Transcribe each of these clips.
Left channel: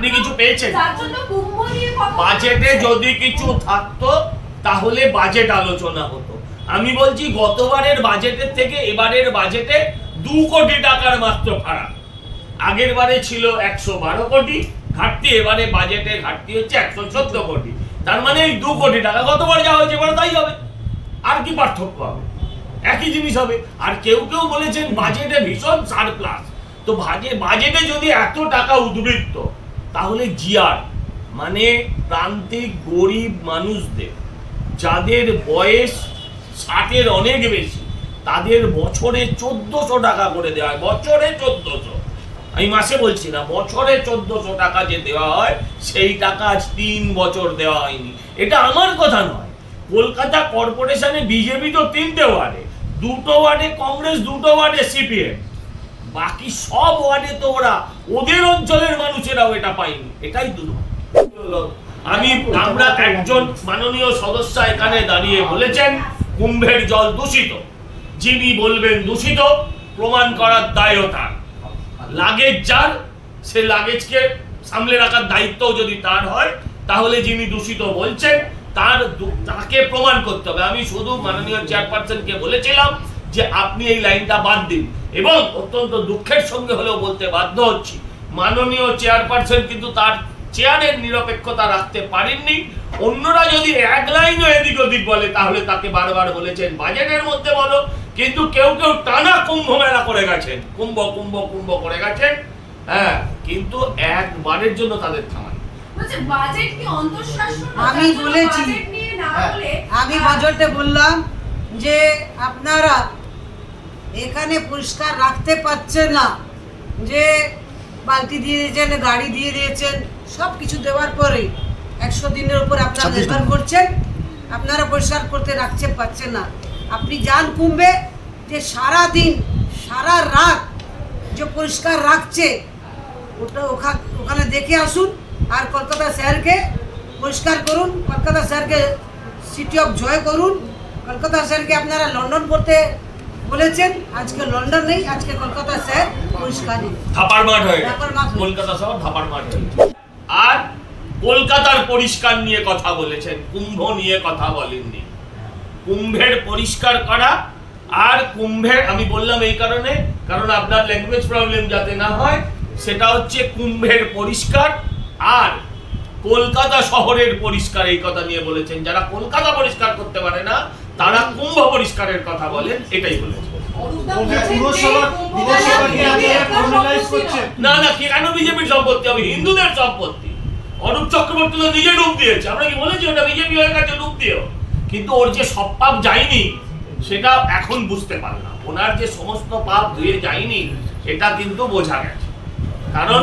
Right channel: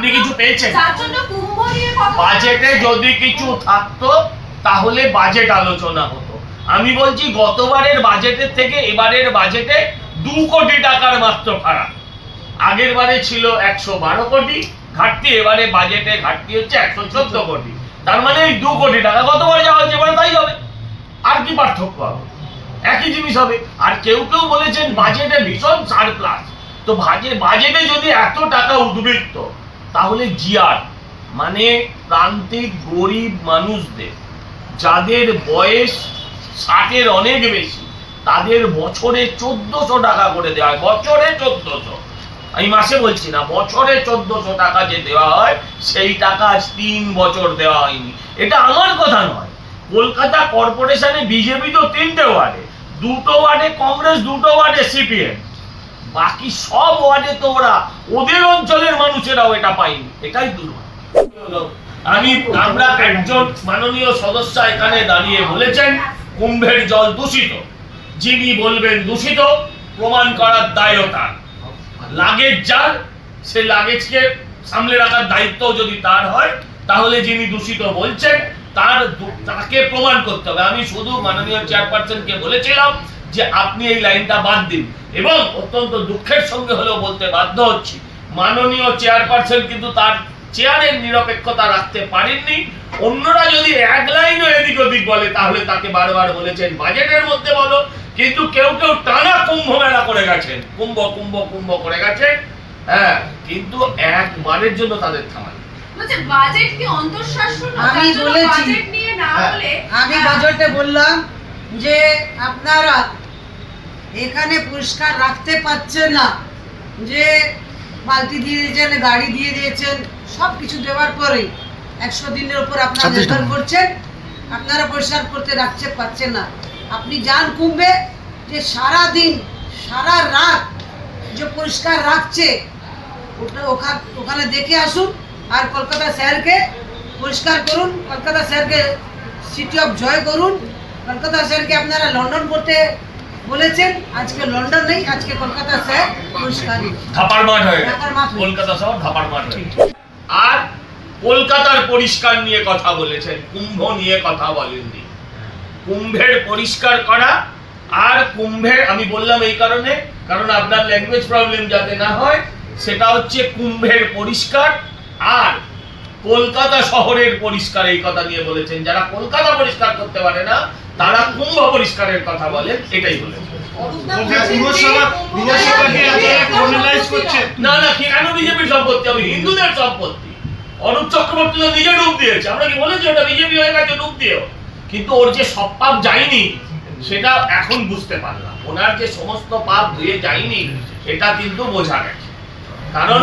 আপনি কিছু পেয়েছেন? বাজেটে যদি কিছু থাকতো তাহলে বাজেট আলোচনা হতো। আমি বলছি গতবারের বাজেটের থেকে এবারের বাজেটে 2 কোটি টাকার মাত্র ফারাক। আগের বারে ছিল 112 কোটি ঘাটতি, এবারে বাজেটে ঘাটতি হচ্ছে 114 কোটি। তার মানে এই 2 কোটি টাকা গতবার যা হয়েছে এবার তাই হবে। আর কি পার্থক্য হবে? একই জিনিস হবে। আর কেউ কেউ বলেছেন বাজেটে ভীষণ সারপ্লাস। তো বাজেটে যদি এত টাকা উদ্বৃত্ত, তাহলে জিআর মানে প্রান্তিক গরিব মানুষদের যাদের বয়স 60-এর অনেক বেশি, তাদের বছরে 1400 টাকা করে দেওয়া হয়। বছরে 1400, আমি মাসে বলছি না, বছরে 1400 টাকা যে দেওয়া হয়, সেই টাকা আজ 3 বছর দেওয়া হয়নি। এটা আমার কথা নয়। কলকাতা কর্পোরেশনে বিজেপি তো 3টে ওয়ার্ডে, 2টো ওয়ার্ডে কংগ্রেস, 2টো ওয়ার্ডে সিপিএম, বাকি সব ওয়ার্ডে তো ওদের অঞ্চলের মানুষেরাও এটা পায়নি। এটাই দুর্ভাগ্য। আমরা একজন মাননীয় সদস্য এখানে দাঁড়িয়ে বলেছেন কুম্ভের জল দূষিত। যিনি বলবেন দূষিত, প্রমাণ করার দায়ও তার। লাগেজ যার, সে লাগেজকে সামলে রাখার দায়িত্ব যদি তার হয়, তাহলে যিনি দূষিত বলছেন তাকে প্রমাণ করতে হবে। আমি শুধু মাননীয় চেয়ারপারসনকে বলেছিলাম যে আপনি এই লাইনটা বাদ দিন, এবং অত্যন্ত দুঃখের সঙ্গে হলেও বলতে বাধ্য হচ্ছি, মাননীয় চেয়ারপারসন কিন্তু তার চেয়ারের নিরপেক্ষতা রাখতে পারেননি। অন্যরা যদি এক লাইনও এদিক ওদিক বলে, তাহলে তাকে বারবার বলেছেন বাজেটের মধ্যে বলো, কিন্তু কেউ কেউ টানা কুম্ভ মেলা করে গেছেন, কুম্ভ কুম্ভ কুম্ভ করে গেছেন। হ্যাঁ, কিন্তু একবারের জন্য তাদের থামান। আমি বলেছি, আমি বাজেটে বললাম যে আপনারা এখানে পরিষ্কার রাখতে পারছেন না, যে বালতি দিয়ে দিয়েছেন, গাড়ি দিয়ে দিয়েছেন, সব কিছু দেওয়ার পরে 100 দিনের উপর আপনারা নির্ভর করছেন, আপনারা পরিষ্কার করতে রাখতে পারছেন না। আপনি যান কুম্ভে, যে সারা দিন সারা রাত যে পরিষ্কার রাখছে, ওখানে দেখে আসুন। আর কলকাতা শহরকে পরিষ্কার করুন, কলকাতা শহরকে সিটি অফ জয় করুন। কলকাতা শহরকে আপনারা লন্ডন করতে বলেছেন, আজকে লন্ডন নেই, আজকে কলকাতা শহর পরিষ্কার, ধাপার মাঠ হয়ে গেছে, কলকাতা শহর ধাপার মাঠ হয়ে গেছে। আর কলকাতার পরিষ্কার নিয়ে কথা বলেছেন, কুম্ভ নিয়ে কথা বলেননি। কুম্ভের পরিষ্কার করা আর কুম্ভের, আমি বললাম এই কারণে, কারণ আপনার ল্যাঙ্গুয়েজ প্রবলেম যাতে না হয়, সেটা হচ্ছে কুম্ভের পরিষ্কার আর কলকাতা শহরের পরিষ্কার, এই কথা নিয়ে বলেছেন। যারা কলকাতা পরিষ্কার করতে পারে না, তারা কুম্ভ পরিষ্কারের কথা বলেন, এটাই বলেছেন। না না, কেন বিজেপির সম্পত্তি? আমি হিন্দুদের সম্পত্তি। অরূপ চক্রবর্তী তো নিজে ডুব দিয়েছে, আমরা কি বলেছি ওটা বিজেপি হয়ে গেছে ডুব দিয়েও? কিন্তু ওর যে সব পাপ যায়নি সেটা এখন বুঝতে পারলাম। ওনার যে সমস্ত পাপ ধুয়ে যায়নি এটা কিন্তু বোঝা গেছে। কারণ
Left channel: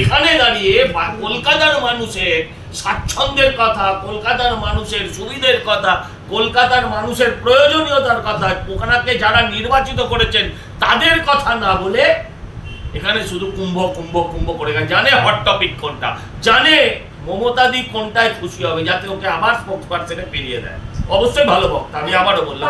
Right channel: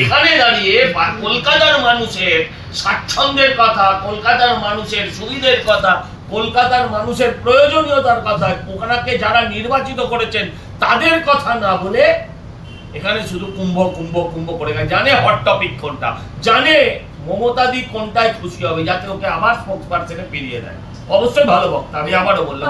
এখানে দাঁড়িয়ে কলকাতার মানুষের স্বাচ্ছন্দ্যের কথা, কলকাতার মানুষের সুবিধের কথা, কলকাতার মানুষের প্রয়োজনীয়তার কথা, ওখানে যারা নির্বাচিত করেছেন তাদের কথা না বলে এখানে শুধু কুম্ভ কুম্ভ কুম্ভ করে গেছে। জানে হট টপিক কোনটা, জানে মমতাদি কোনটায় খুশি হবে, যাতে ওকে আবার স্পোকসপারসনে পেরিয়ে দেয়। অবশ্যই ভালো বক্তা, আমি আবারও বললাম।